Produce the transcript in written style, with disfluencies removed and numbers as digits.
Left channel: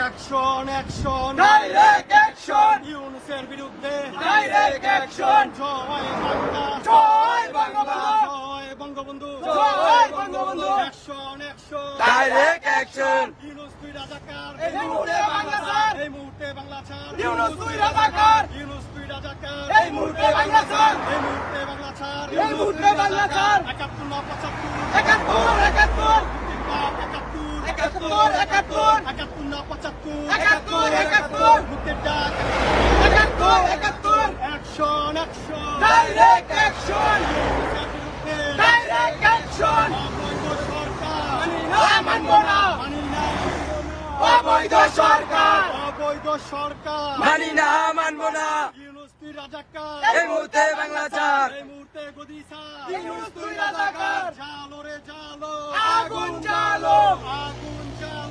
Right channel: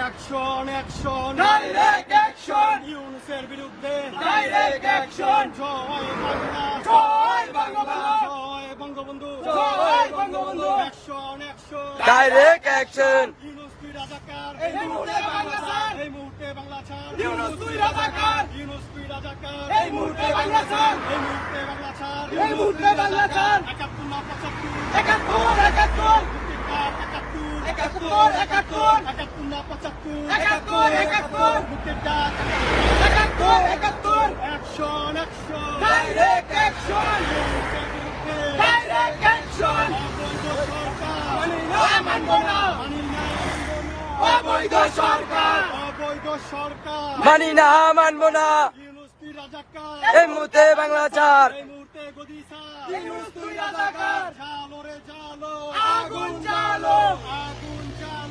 action action direct action ইউনূসের বিরুদ্ধে direct action জয় বাংলা জয় বাংলা জয় বঙ্গবন্ধু জয় Bangabandhu action action direct action Yunus তুই রাজাকার এই মুহূর্তে বাংলা ছাড় এই মুহূর্তে বাংলা ছাড় ইউনূস তুই রাজাকার ইউনূস তুই রাজাকার এই মুহূর্তে বাংলা ছাড় এই মুহূর্তে বাংলা ছাড় এই মুহূর্তে বাংলা ছাড় ৭১ না ৭৫ একাত্তর একাত্তর ৭১ একাত্তর একাত্তর ৭১ না ৭৫ একাত্তর একাত্তর মুক্তির ডাক একাত্তর একাত্তর অ্যাকশন অ্যাকশন ডাইরেক্ট অ্যাকশন ইউনূসের বিরুদ্ধে ডাইরেক্ট অ্যাকশন অবৈধ সরকার মানি না মানব না মানি না অবৈধ সরকার অবৈধ সরকার মানি না মানব না ইউনূস তুই রাজাকার এই মুহূর্তে বাংলা ছাড় এই মুহূর্তে গদি ছাড় ইউনূস তুই রাজাকার জালো রে জালো আগুন জ্বালো আগুন জ্বালো